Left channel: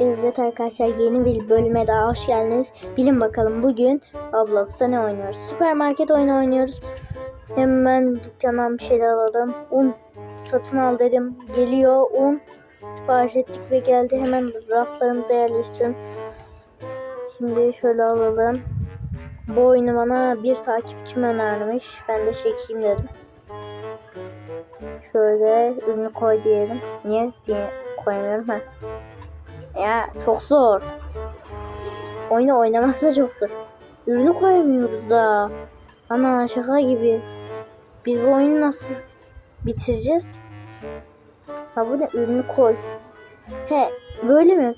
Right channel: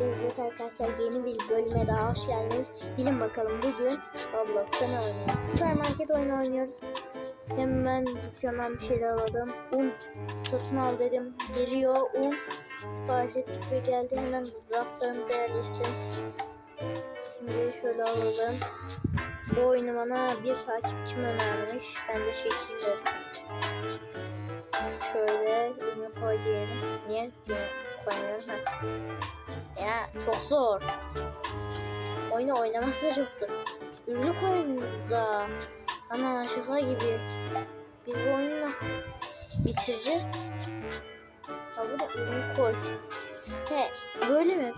Evet arkadaşlar yeni bir bölüme daha hoş geldiniz. Bilin bakalım bugün Roblox'ta ne oynuyoruz? Süpermarket oyunu oynuyoruz. Hemen dükkandan bir şeyler alalım. Un satın al dedim. Geliyor un. Sipariş ettik ve geldi. Hemen raflarımıza yerleştirelim. Şimdi şöyle alalım. Bu oyunu bana bir takipçim önermiş. Ben de çekeyim dedim. Şöyle ürünü koy diyelim. Niye diye koyamıyorum ha. Ya çok zor. Oyunu oynaması da çok zor. Ürünü koyamıyoruz da. Ana şaka gibi. Biz bu oyunu nasıl bitireceğiz? Ha bu ne? Ürünü koy. He böyle mi?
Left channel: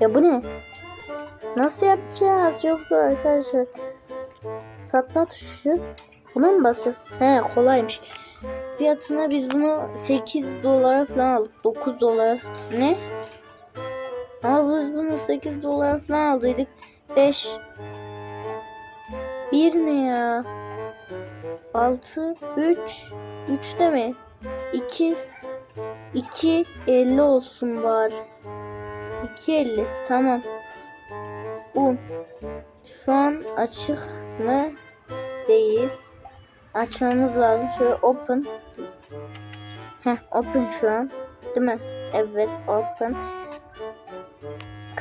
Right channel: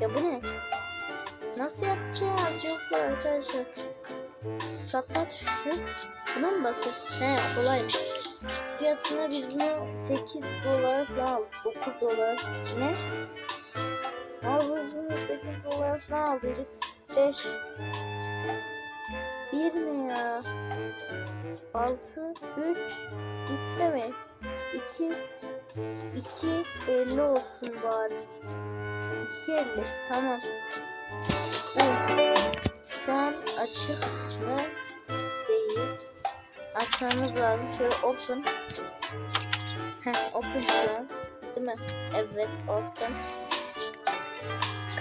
Ya bu ne? Nasıl yapacağız? Çok zor arkadaşlar. Satma tuşu. Buna mı basacağız? He kolaymış. Fiyatına biz bunu 8 dolara falan aldık. 9 dolar. Ne? Bunu 8 dolar falan aldıydık. 5 1 ne ya? 6 3 3 de mi? 2 2 50 olsun bari. 2 50 tamam. Bu şu an açık mı? Değil. Açmamız lazım. Şöyle open. Heh open şu an. Değil mi? Evet open.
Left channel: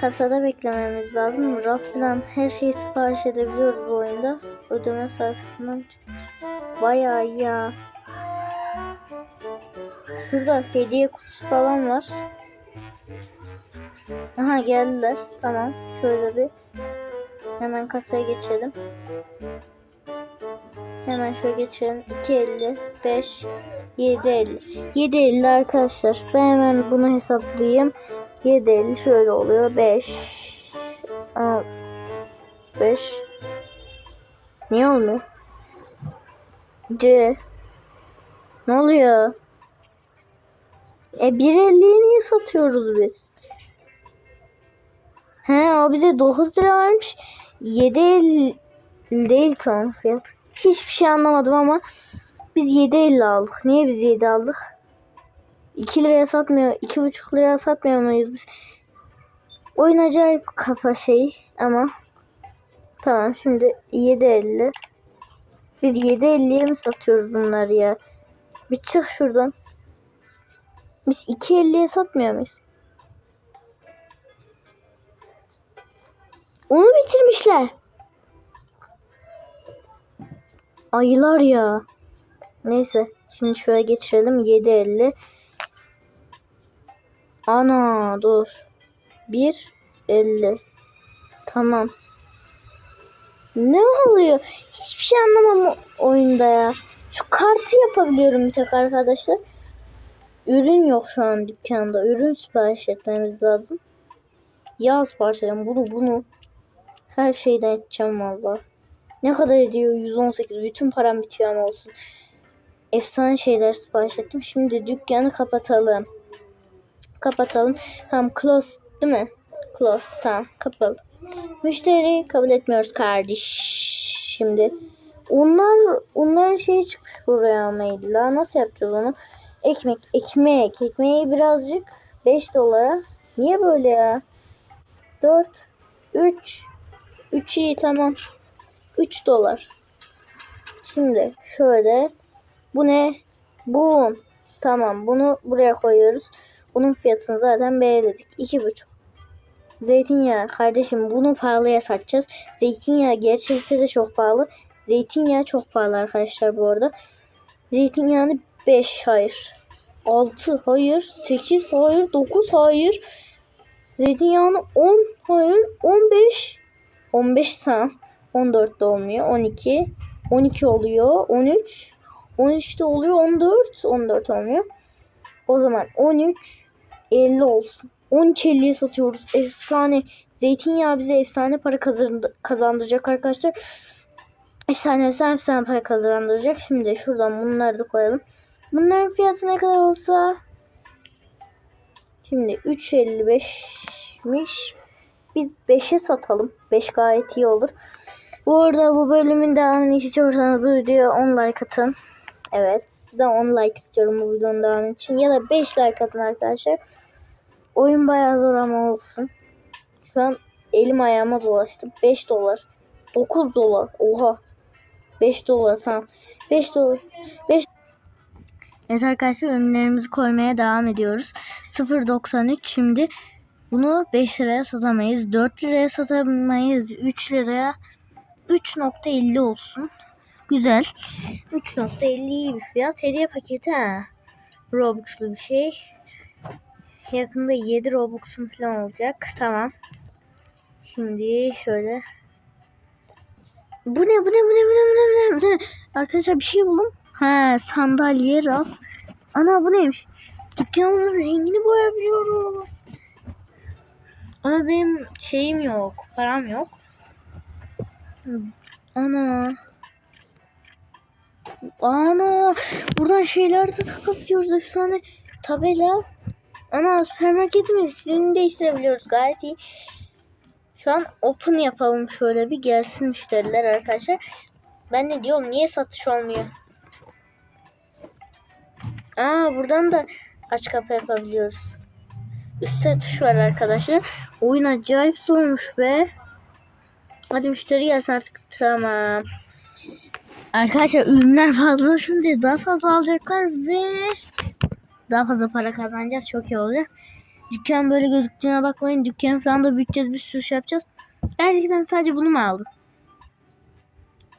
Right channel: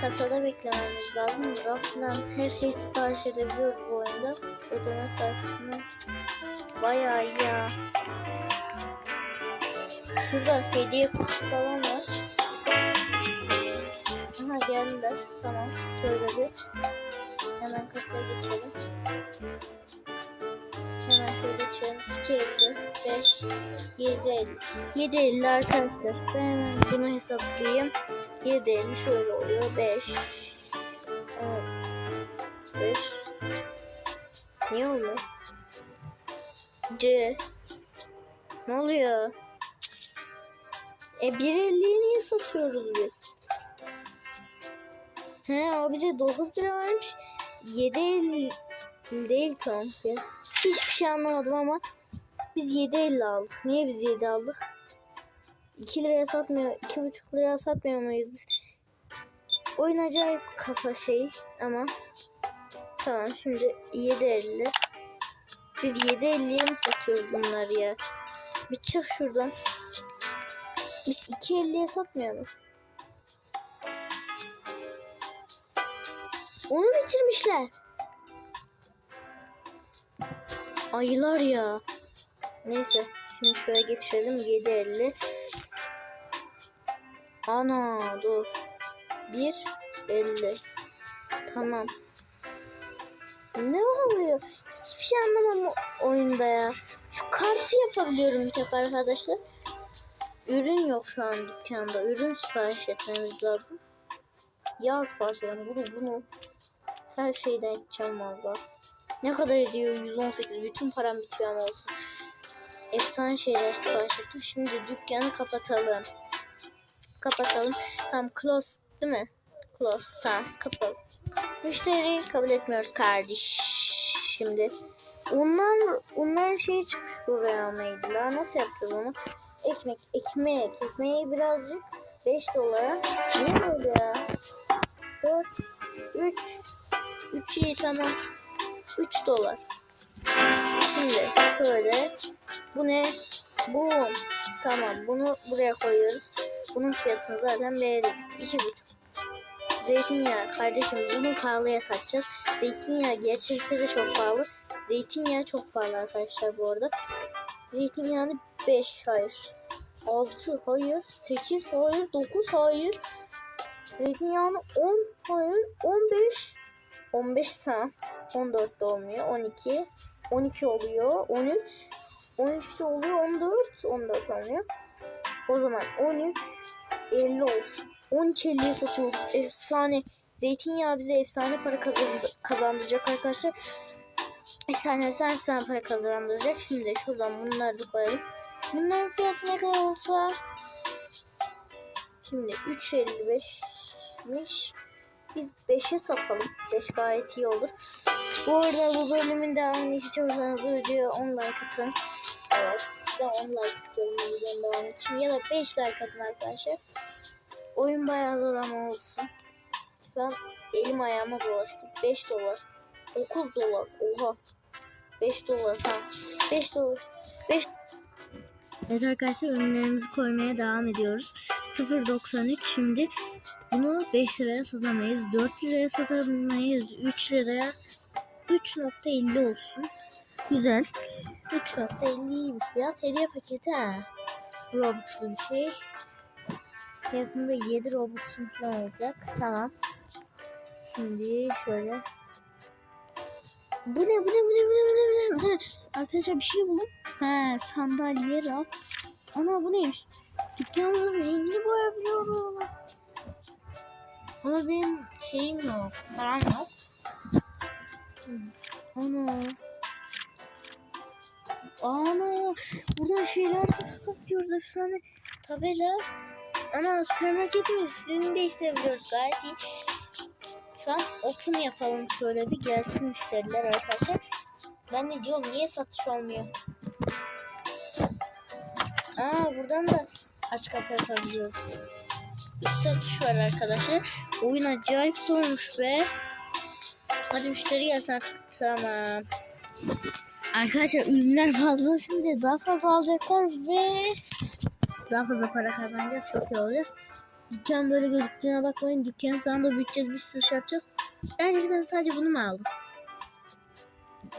Kasada beklememiz lazım. Raftan her şeyi sipariş edebiliyoruz bu oyunda. Ödeme sayfasından bayağı iyi ya. Şurada hediye kutusu falan var. Aha geldiler. Tamam. Şöyle bir hemen kasaya geçelim. Hemen şöyle geçelim. 2.50, 5, 7.50. 7.50 arkadaşlar. Ben hemen bunu hesaplayayım. 7.50 şöyle oluyor. 5 Aa, 5 Niye olmuyor? C Ne oluyor? E 1.50'ye niye satıyoruz biz? He o bize 9 lira vermiş. 7.50 değil ki onun fiyatı. Hiçbir şey anlamadım ama biz 7.50 aldık. Niye biz 7 aldık? 2 liraya satmıyor, 2,5 liraya satmıyor muyuz biz? Oyun acayip kafa şey ama tamam şimdi 7.50 biz 7.50'ye mi satıyoruz bunları ya? Bir çık şuradan. Biz 2.50'ye satmıyor muyuz? Onu bitirmişler. Ayılar ya. Neyse şimdi şöyle geçirelim 7.50 Ana dur. 1.50 Tamam. Ne oluyor? Hiçbir şey anlamam oyunda ya. Şu kartı yapabiliyorum bir tek arkadaşlar. Ürün yok şu an dükkanda. Ürün sipariş etmemiz lazım. Yağ sipariş edelim. Bunu bunu. Her şeyden edeceğim valla. Ne kadar ediyor? 118. Bütün param bitiyor ama olsun. Efsane şeyler sipariş ettim. Şimdi dükkanı kapatalım. Kapatalım. Tamam close değil mi? Close. Tamam kapalı. Müşteri kabul etmiyoruz kardeş. Şimdi onlar onların şeyi çıkmış buraya mailla. Nasıl yapacağız onu? Ekmek, ekmek. Ekmeği birazcık 5 dolara. Niye böyle ya? 4 3 3 iyi tamam. 3 dolar. Şimdi şöyle bu ne? Bu. Tamam bunu buraya koyuyoruz. Bunun fiyatını zaten belirledik. 2,5. Zeytinyağı kardeşim bunu pahalıya satacağız. Zeytinyağı gerçekte de çok pahalı. Zeytinyağı çok pahalı arkadaşlar bu arada. Zeytinyağını 5 hayır. 6 hayır. 8 hayır. 9 hayır. Zeytinyağını 10 hayır. 15 15 tam. 14 de olmuyor. 12 12 oluyor. 13 13 de oluyor. 14 14 olmuyor. O zaman 13 50 olsun. 13 50'ye satıyoruz. Efsane. Zeytinyağı bize efsane para kazandı, kazandıracak arkadaşlar. Efsane efsane efsane para kazandıracak. Şimdi şuradan bunları da koyalım. Bunların fiyatı ne kadar olsa Şimdi 3.55'miş. Biz 5'e satalım. 5 gayet iyi olur. Bu arada bu bölümün devamını istiyorsanız bu videoya 10 like atın. Evet. Sizden 10 like istiyorum bu videonun devamı için. Ya da 5 like atın arkadaşlar. Oyun bayağı zor ama olsun. Şu an elim ayağıma dolaştı. 5 dolar. 9 dolar. Oha. 5 dolar tamam. 5 dolar. 5 Evet arkadaşlar ürünlerimizi koymaya devam ediyoruz. 0.93 şimdi bunu 5 liraya satamayız. 4 liraya satamayız. 3 liraya 3.50 olsun. Güzel. 3.50 iyi bir fiyat. Hediye paketi ha. Robux'lu bir şey. Yakında 7 Robux'um falan olacak. Tamam. Şimdi şöyle. Bu ne bu ne bu ne bu ne bu ne bu ne? Arkadaşlar bir şey buldum. Ha sandalye raf. Ana bu neymiş? Dükkanımızın rengini boyayabiliyoruz. Ama benim şeyim yok. Param yok. Ana. Ana. Buradan şeyler de takabiliyoruz. Efsane tabela. Ana süpermarketimiz ismini değiştirebiliyoruz. Gayet iyi. Şu an open yapalım şöyle bir gelsin müşteriler arkadaşlar. Ben ne diyorum niye satış olmuyor? Aa buradan da aç kapı yapabiliyoruz. Üstte tuş var arkadaşlar. Oyun acayip zormuş be. Hadi müşteri gelsin artık. Tamam. Arkadaşlar ürünler fazlasınca daha fazla alacaklar ve daha fazla para kazanacağız. Çok iyi olacak. Dükkan böyle gözüktüğüne bakmayın. Dükkanı falan da büyüteceğiz. Bir sürü şey yapacağız. Gerçekten sadece bunu mu aldım?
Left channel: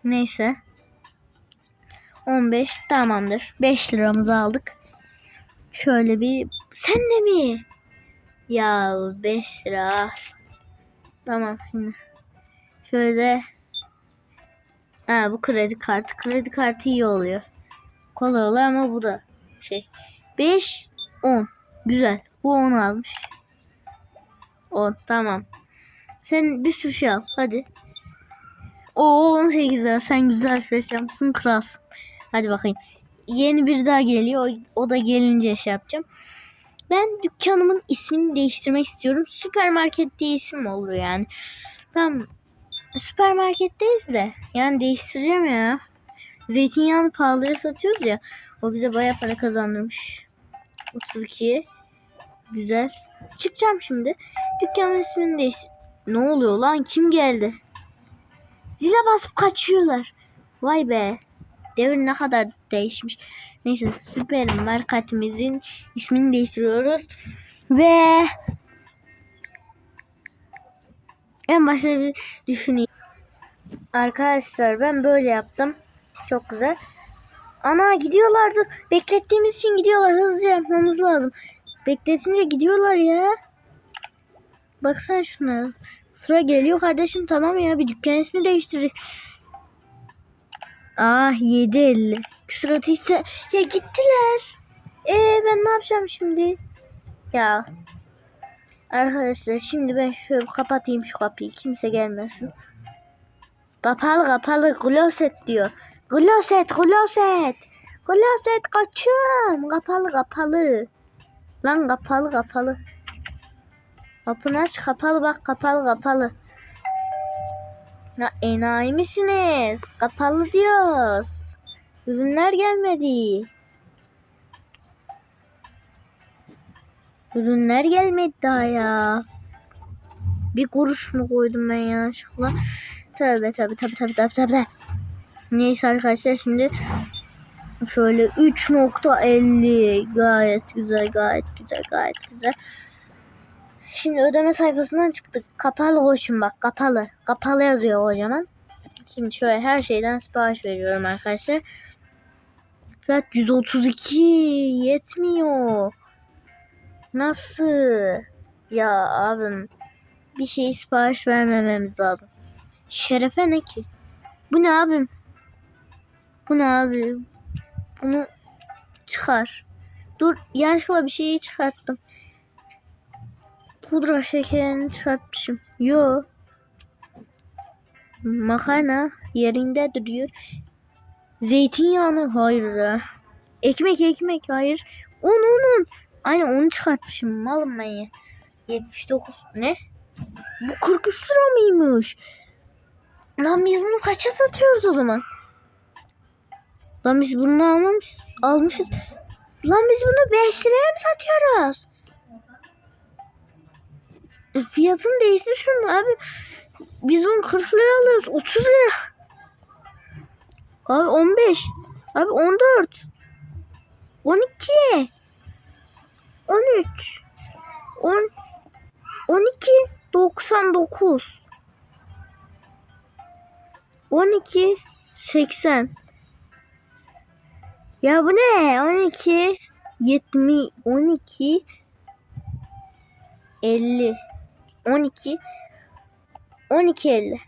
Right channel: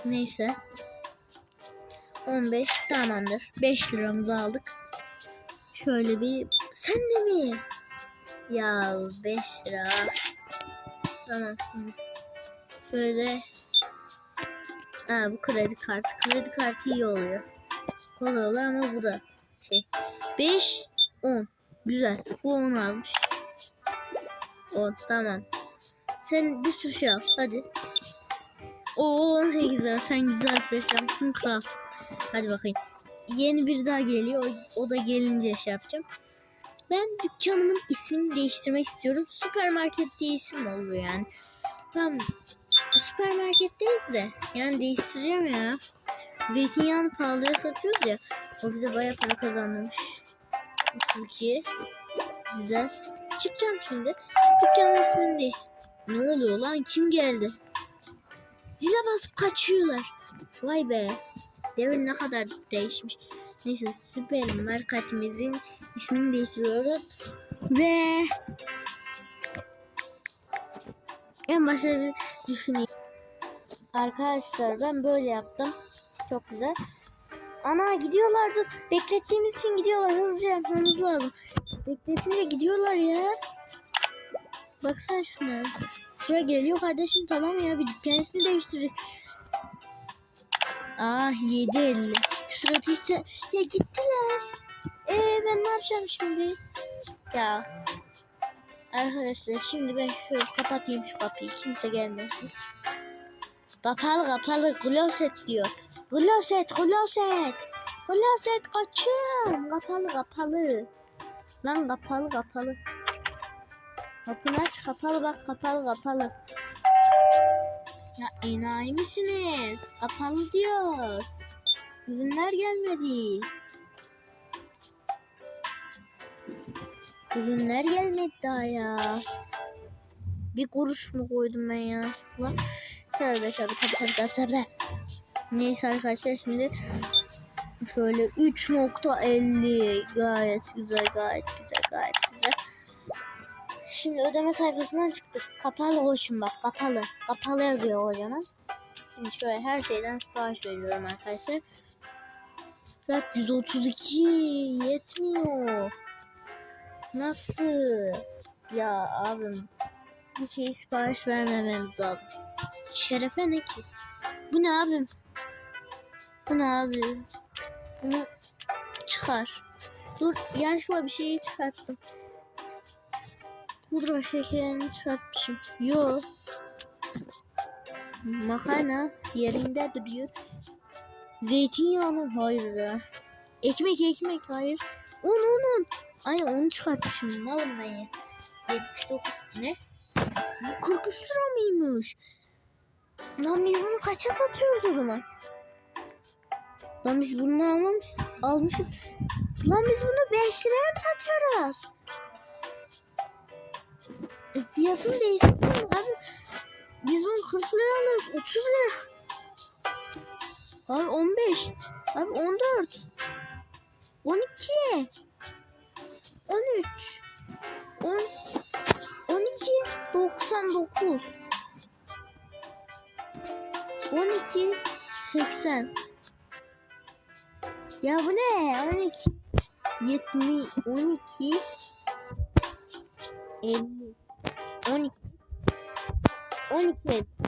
Neyse. 15 tamamdır. 5 liramızı aldık. Şöyle bir sen de mi? Ya 5 lira. Tamam şimdi. Şöyle Ha bu kredi kartı. Kredi kartı iyi oluyor. Kolay oluyor ama bu da şey. 5 10. Güzel. Bu 10 almış. 10 tamam. Sen bir sürü şey al. Hadi. O 18 lira. Sen güzel alışveriş yapmışsın. Kralsın. Hadi bakayım. Yeni bir daha geliyor. O, o da gelince şey yapacağım. Ben dükkanımın ismini değiştirmek istiyorum. Süpermarket diye isim olur yani. Tamam. Süpermarketteyiz de. Yani değiştireceğim ya. Zeytinyağını pahalıya satıyoruz ya. O bize baya para kazandırmış. 32. Güzel. Çıkacağım şimdi. Dükkanın ismini değiş... Ne oluyor lan? Kim geldi? Zile basıp kaçıyorlar. Vay be. Devir ne kadar değişmiş. Neyse süpermarketimizin ismini değiştiriyoruz. Ve en başta bir düşüneyim. Arkadaşlar ben böyle yaptım. Çok güzel. Ana gidiyorlardı. Beklettiğimiz için gidiyorlar. Hızlıca yapmamız lazım. Bekletince gidiyorlar ya. Baksana şuna. Sıra geliyor kardeşim tamam ya bir dükkan ismi değiştirdik. Ah 7.50. Küsuratı ise ya gittiler. Ee ben ne yapacağım şimdi? Ya. Arkadaşlar şimdi ben şöyle kapatayım şu kapıyı. Kimse gelmesin. Kapalı kapalı gloset diyor. Gloset gloset. Gloset kaçın. Kapalı kapalı. Lan kapalı kapalı. Kapını aç kapalı bak kapalı kapalı. Ya enayi misiniz? Kapalı diyoruz. Ürünler gelmedi. Ürünler gelmedi daha ya. Bir kuruş mu koydum ben yanlışlıkla? Tabii tabii tabii tabii tabii tabii. Neyse arkadaşlar şimdi şöyle 3.50 gayet güzel gayet güzel gayet güzel. Şimdi ödeme sayfasından çıktık. Kapalı hoşum bak kapalı. Kapalı yazıyor kocaman. Şimdi şöyle her şeyden sipariş veriyorum arkadaşlar. Fiyat 132 yetmiyor. Nasıl? Ya abim bir şey sipariş vermememiz lazım. Şerefe ne ki? Bu ne abim? Bu ne abim? Bunu çıkar. Dur yanlışlıkla bir şeyi çıkarttım. Pudra şekerini çıkartmışım. Yo. Makarna yerinde duruyor. Zeytinyağını hayır ya. Ekmek ekmek hayır. Un un un. Aynen onu çıkartmışım. Malım ben ya. 79 ne? Bu 43 lira mıymış? Lan biz bunu kaça satıyoruz o zaman? Lan biz bunu almamışız. Almışız. Lan biz bunu 5 liraya mı satıyoruz? Fiyatın değişmiş mi abi? Biz onu 40 lira alıyoruz. 30 lira. Abi 15. Abi 14. 12. 13. 10. 12. 99. 12. 80. Ya bu ne? 12. 70. 12. 50. 12. 12 50.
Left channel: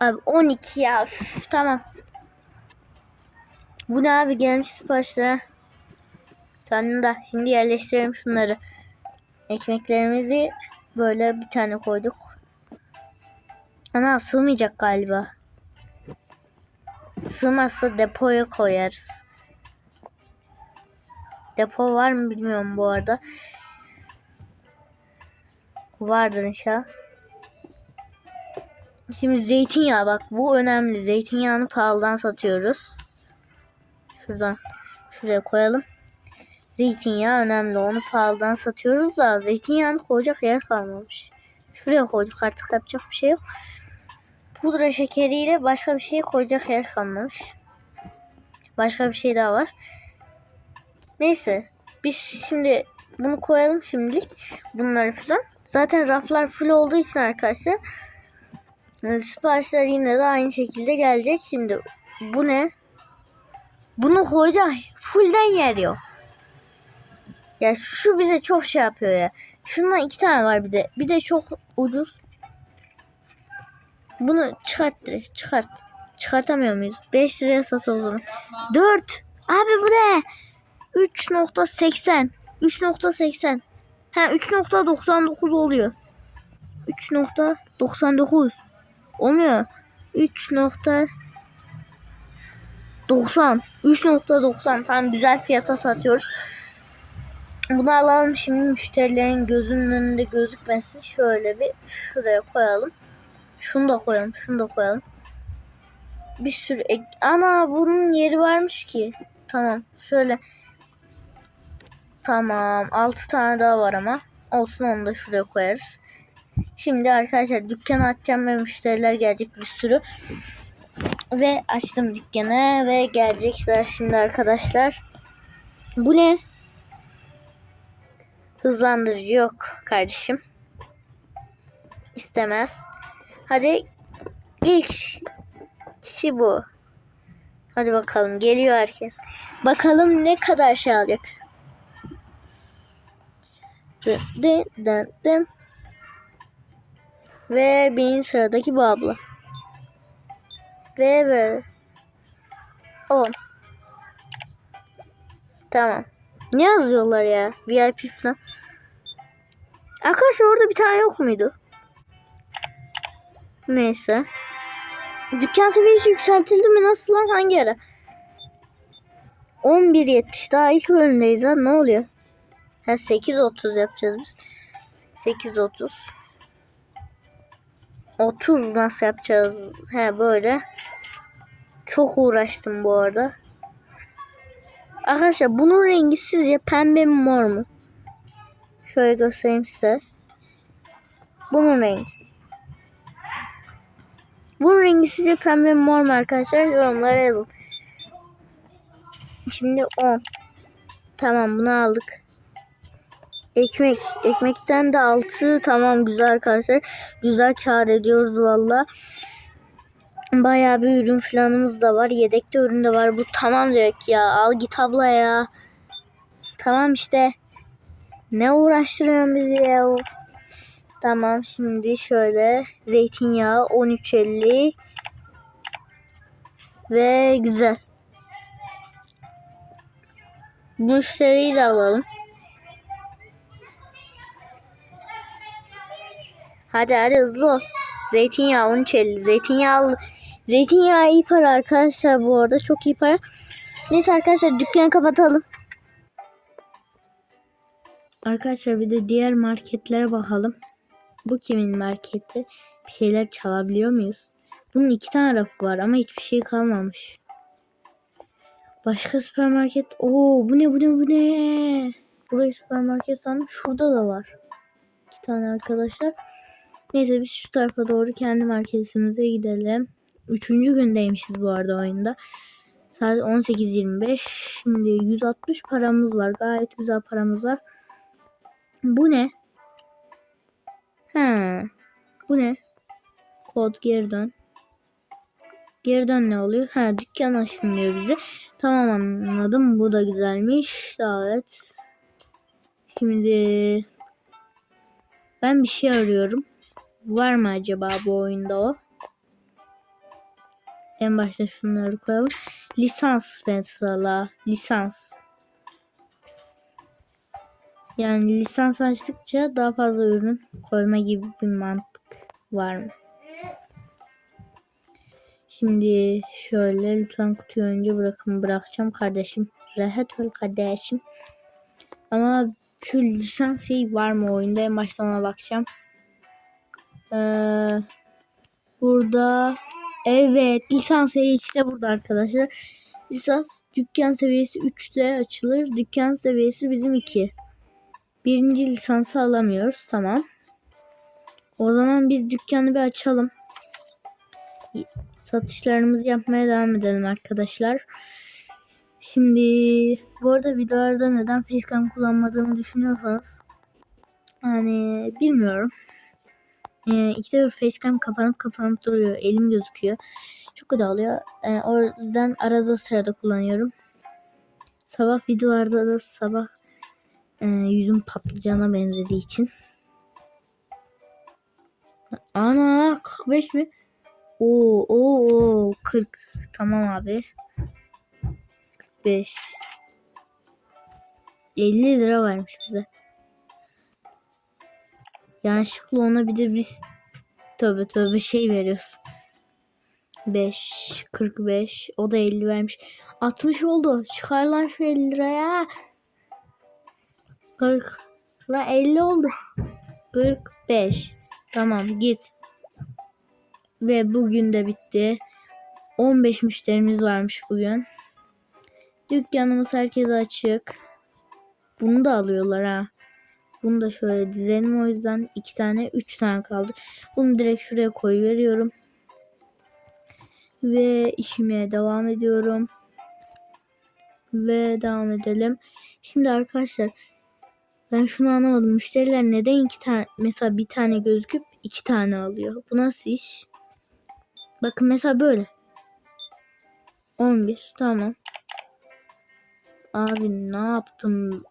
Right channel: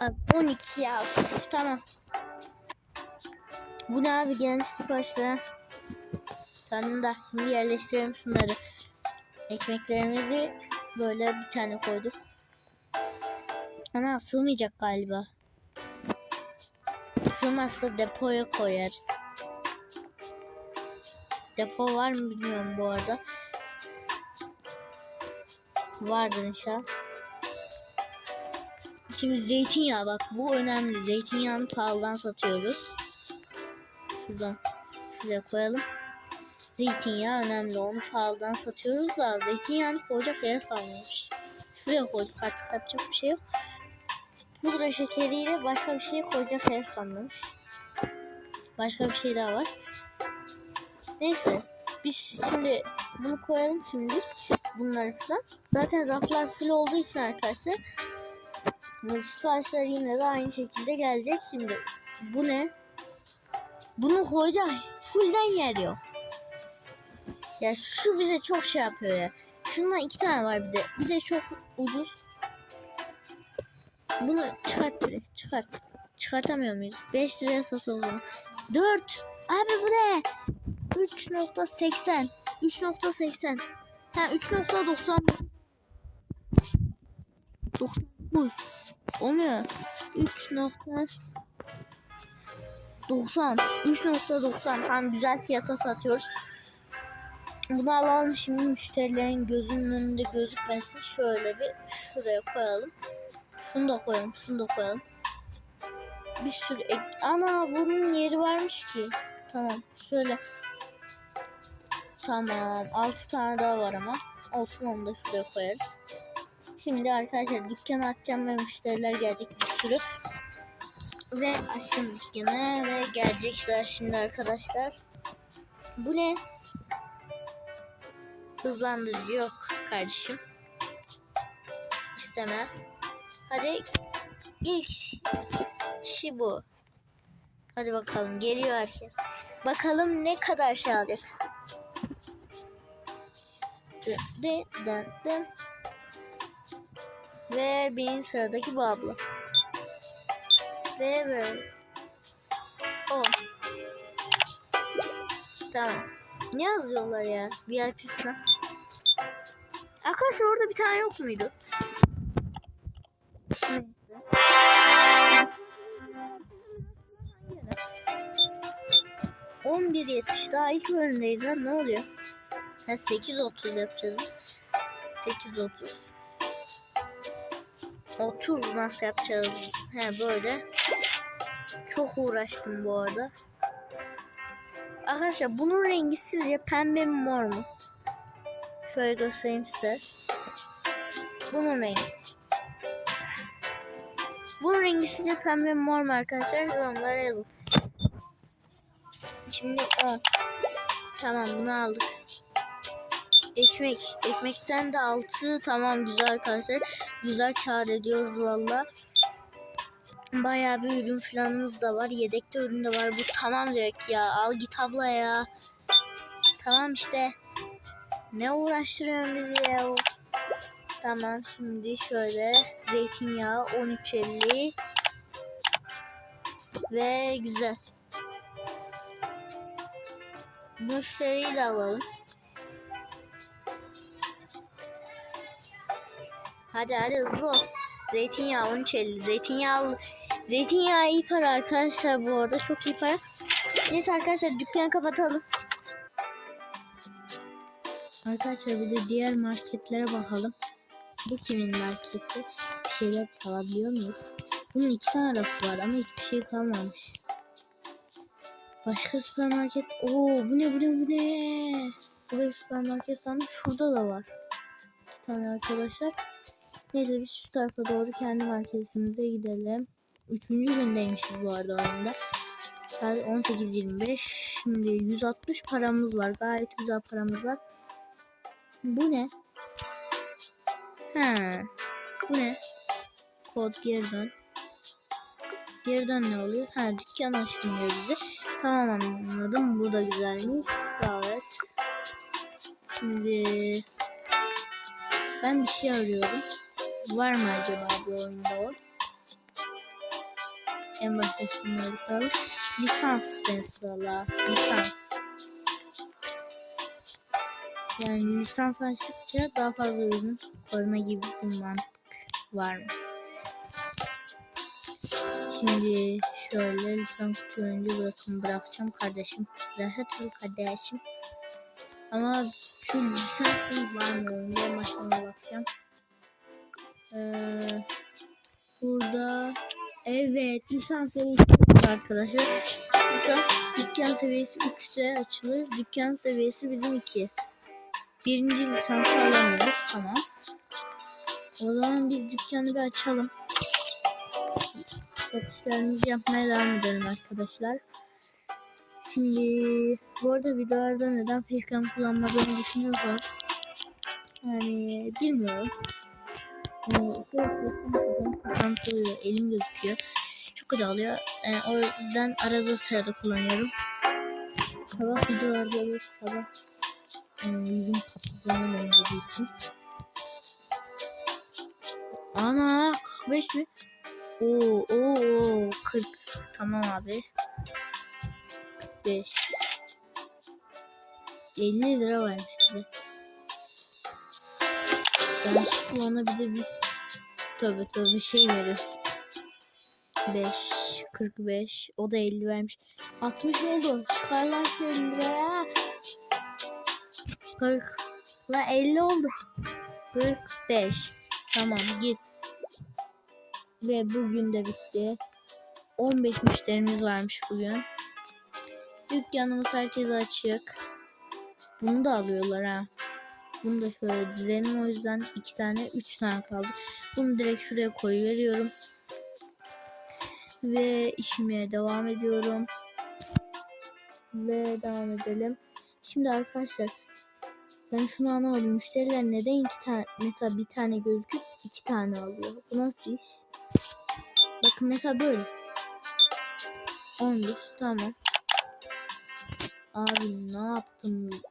Abi 12 ya. Üf, tamam. Bu ne abi gelmiş siparişler. Sonunda şimdi yerleştirelim şunları. Ekmeklerimizi böyle bir tane koyduk. Ana sığmayacak galiba. Sığmazsa depoya koyarız. Depo var mı bilmiyorum bu arada. Vardır inşallah. Şimdi zeytinyağı bak bu önemli. Zeytinyağını pahalıdan satıyoruz. Şuradan şuraya koyalım. Zeytinyağı önemli. Onu pahalıdan satıyoruz da zeytinyağını koyacak yer kalmamış. Şuraya koyduk artık yapacak bir şey yok. Pudra şekeriyle başka bir şey koyacak yer kalmamış. Başka bir şey daha var. Neyse. Biz şimdi bunu koyalım şimdilik. Bunları falan. Zaten raflar full olduğu için arkadaşlar e, siparişler yine de aynı şekilde gelecek. Şimdi bu ne? Bunu koyacak fullden yer yok. Ya şu bize çok şey yapıyor ya. Şundan iki tane var bir de. Bir de çok ucuz. Bunu çıkart direkt çıkart. Çıkartamıyor muyuz? 5 liraya satılır. 4. Abi bu ne? 3.80. 3.80. Ha 3.99 oluyor. 3.99. Olmuyor. 3.90. 3.90 tam güzel fiyata satıyoruz. Bunu alalım şimdi müşterilerin gözünün önünde gözükmesin. Şöyle bir şuraya koyalım. Şunu da koyalım. Şunu da koyalım. Bir sürü ek... Ana bunun yeri varmış ki. Tamam. Şöyle. Tamam. 6 tane daha var ama. Olsun onu da şuraya koyarız. Şimdi arkadaşlar dükkanı açacağım ve müşteriler gelecek bir sürü. Ve açtım dükkanı ve gelecekler şimdi arkadaşlar. Bu ne? Hızlandırıcı yok kardeşim. İstemez. Hadi ilk kişi bu. Hadi bakalım geliyor herkes. Bakalım ne kadar şey alacak. Dın dın dın dın. Ve birinci sıradaki bu abla. Ve böyle. 10. Tamam. Ne yazıyorlar ya? VIP falan. Arkadaşlar orada bir tane yok muydu? Neyse. Dükkan seviyesi yükseltildi mi? Nasıl lan? Hangi ara? 11.70 daha ilk bölümdeyiz ha. Ne oluyor? Ha 8.30 yapacağız biz. 8.30 30 nasıl yapacağız? He böyle. Çok uğraştım bu arada. Arkadaşlar bunun rengi sizce pembe mi mor mu? Şöyle göstereyim size. Bunun rengi. Bunun rengi sizce pembe mor mu arkadaşlar? Yorumlara yazın. Şimdi 10. Tamam bunu aldık. Ekmek. Ekmekten de 6. Tamam güzel arkadaşlar. Güzel kar ediyoruz valla. Bayağı bir ürün falanımız da var. Yedekte ürün de var. Bu tamam direkt ya. Al git abla ya. Tamam işte. Ne uğraştırıyorsun bizi ya? Tamam şimdi şöyle zeytinyağı 13.50 ve güzel. Müşteriyi de alalım. Hadi hadi hızlı ol. Zeytinyağı 13.50. Zeytinyağı zeytinyağı iyi para arkadaşlar bu arada çok iyi para. Neyse arkadaşlar dükkanı kapatalım. Arkadaşlar bir de diğer marketlere bakalım. Bu kimin marketi? Bir şeyler çalabiliyor muyuz? Bunun iki tane rafı var ama hiçbir şey kalmamış. Başka süpermarket. Oo bu ne bu ne bu ne? Burayı süpermarket sandım. Şurada da var. İki tane arkadaşlar. Neyse biz şu tarafa doğru kendi marketimize gidelim. Üçüncü gündeymişiz bu arada oyunda. Saat 18.25. Şimdi 160 paramız var. Gayet güzel paramız var. Bu ne? He. Bu ne? Kod geri dön. Geri dön ne oluyor? Ha dükkan açılıyor bize. Tamam anladım. Bu da güzelmiş. Davet. Şimdi ben bir şey arıyorum. Var mı acaba bu oyunda o? En başta şunları koyalım. Lisans mesela. Lisans. Yani lisans açtıkça daha fazla ürün koyma gibi bir mantık var mı? Şimdi şöyle lütfen kutuyu önce bırakın bırakacağım kardeşim. Rahat ol kardeşim. Ama şu lisans şey var mı oyunda en baştan ona bakacağım. Ee, burada evet lisans şey işte burada arkadaşlar. Lisans dükkan seviyesi 3'te açılır. Dükkan seviyesi bizim 2. Birinci lisansı alamıyoruz. Tamam. O zaman biz dükkanı bir açalım. Satışlarımızı yapmaya devam edelim arkadaşlar. Şimdi bu arada videolarda neden facecam kullanmadığımı düşünüyorsanız yani bilmiyorum. Ee, ikide bir facecam kapanıp kapanıp duruyor. Elim gözüküyor. Çok oluyor. Ee, o yüzden arada sırada kullanıyorum. Sabah videolarda da sabah e, yüzüm patlıcana benzediği için. Ana 45 mi? Oo, oo, oo 40. Tamam abi. 5. 50 lira vermiş bize. Yanlışlıkla ona bir de biz tövbe tövbe şey veriyoruz. 5 45 o da 50 vermiş. 60 oldu. Çıkar lan şu 50 liraya. 40 la 50 oldu. 45. Tamam git. Ve bugün de bitti. 15 müşterimiz varmış bugün. Dükkanımız herkese açık. Bunu da alıyorlar ha. Bunu da şöyle dizelim o yüzden iki tane üç tane kaldı. Bunu direkt şuraya koy veriyorum. Ve işime devam ediyorum. Ve devam edelim. Şimdi arkadaşlar ben şunu anlamadım. Müşteriler neden iki tane mesela bir tane gözüküp iki tane alıyor? Bu nasıl iş? Bakın mesela böyle. 11 tamam. Abi ne yaptım?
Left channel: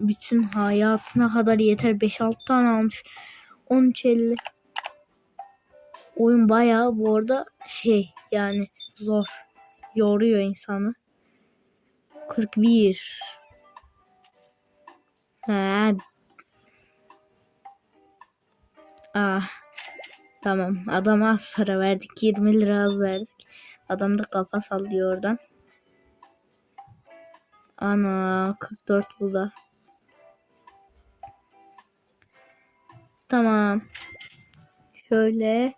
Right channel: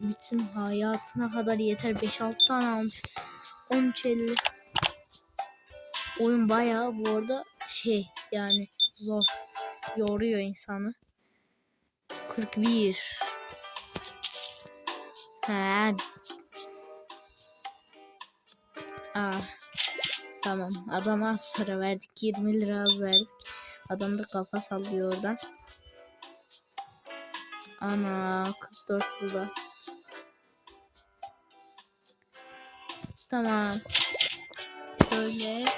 Bütün hayatına kadar yeter. 5-6 tane almış. 13.50. Oyun bayağı bu arada şey yani zor. Yoruyor insanı. 41. He. Ah. Tamam. Adama az para verdik. 20 lira az verdik. Adam da kafa sallıyor oradan. Ana 44 bu da. Tamam. Şöyle.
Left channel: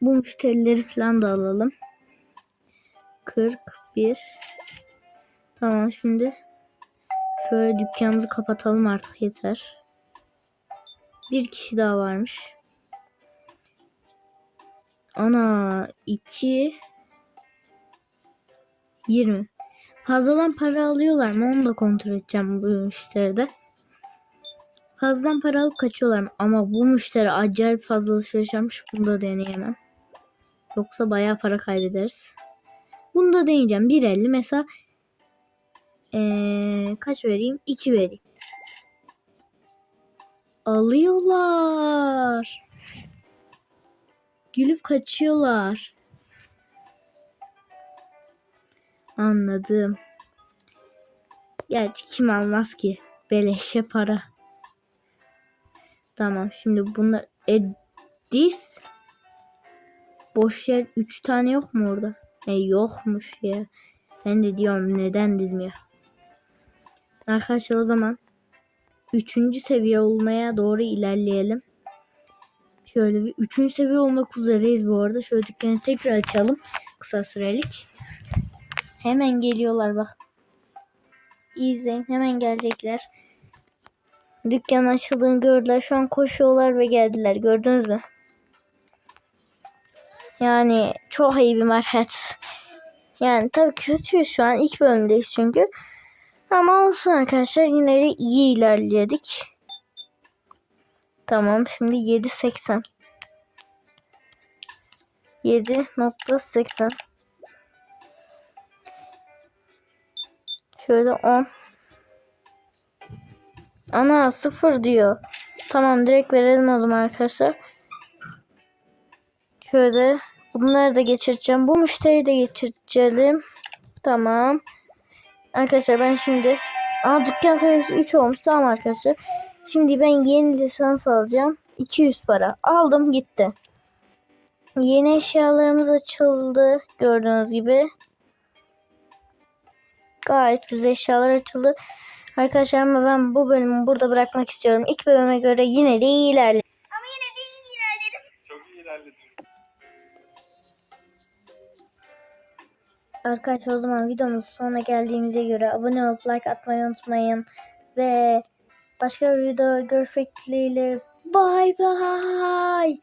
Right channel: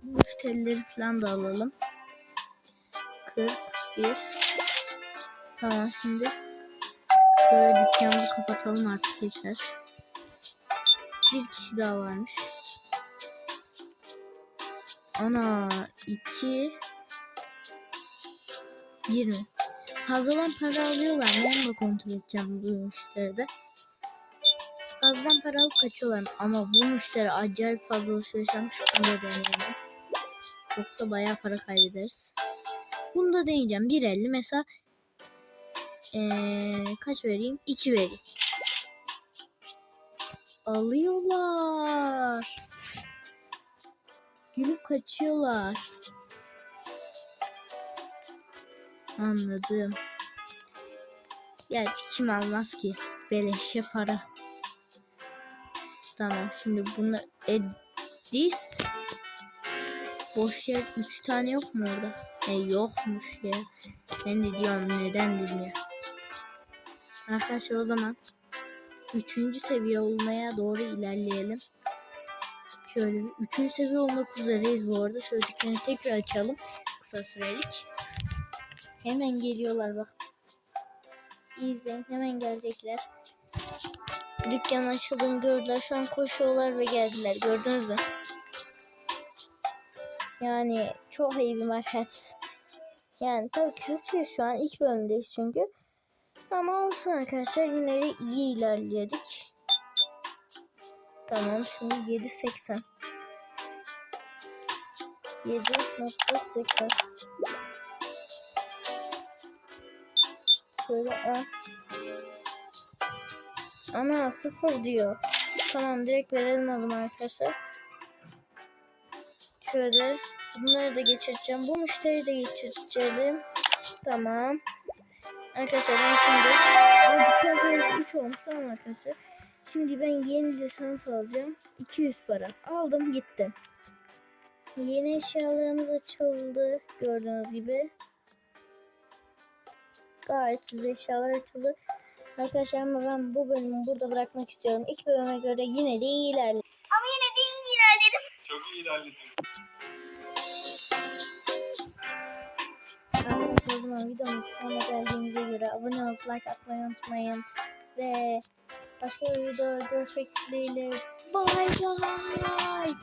Bu müşterileri falan da alalım. 41. Tamam şimdi. Şöyle dükkanımızı kapatalım artık yeter. Bir kişi daha varmış. Ana 2 20. Fazladan para alıyorlar mı? Onu da kontrol edeceğim bu müşteride. Fazladan para alıp kaçıyorlar mı? Ama bu müşteri acayip fazla alışveriş yapmış. Bunu da deneyemem. Yoksa bayağı para kaybederiz. Bunu da deneyeceğim. 1.50 mesela ee, kaç vereyim? 2 vereyim. Alıyorlar. Gülüp kaçıyorlar. Anladım. Gerçi kim almaz ki? Beleşe para. Tamam şimdi bunu Edis Boş yer 3 tane yok mu orada? E yokmuş ya. Ben de diyorum neden ya. Arkadaşlar o zaman 3. seviye olmaya doğru ilerleyelim. Şöyle bir 3. seviye olmak üzereyiz bu arada. Şöyle dükkanı tekrar açalım. Kısa sürelik. Hemen geliyorlar bak. İzleyin. Hemen gelecekler. dükkan açıldığını gördüler. Şu an koşuyorlar ve geldiler. Gördünüz mü? Yani çok iyi bir market. Yani tabii kötüyüz şu an. ilk bölümdeyiz çünkü. Ama olsun arkadaşlar. Yine de iyi ilerledik. Tamam şimdi 7.80. 7.80 Şöyle 10 Ana sıfır diyor. Tamam direkt verelim o zaman arkadaşlar. Şöyle bunları da geçireceğim. Bu müşteriyi de geçirelim. Tamam. Arkadaşlar ben şimdi Aa dükkan sayısı 3 olmuş. Tamam arkadaşlar. Şimdi ben yeni lisans alacağım. 200 para. Aldım gitti. Yeni eşyalarımız açıldı. Gördüğünüz gibi. Gayet güzel eşyalar açıldı. Arkadaşlar ama ben bu bölümü burada bırakmak istiyorum. İlk bölüme göre yine de iyi ilerledim. Ama yine de iyi ilerledim. Çok iyi ilerledin. Arkadaşlar o zaman videomuz sonuna geldiğimize göre abone olup like atmayı unutmayın. Ve başka bir video görüşmek dileğiyle. Bye bye.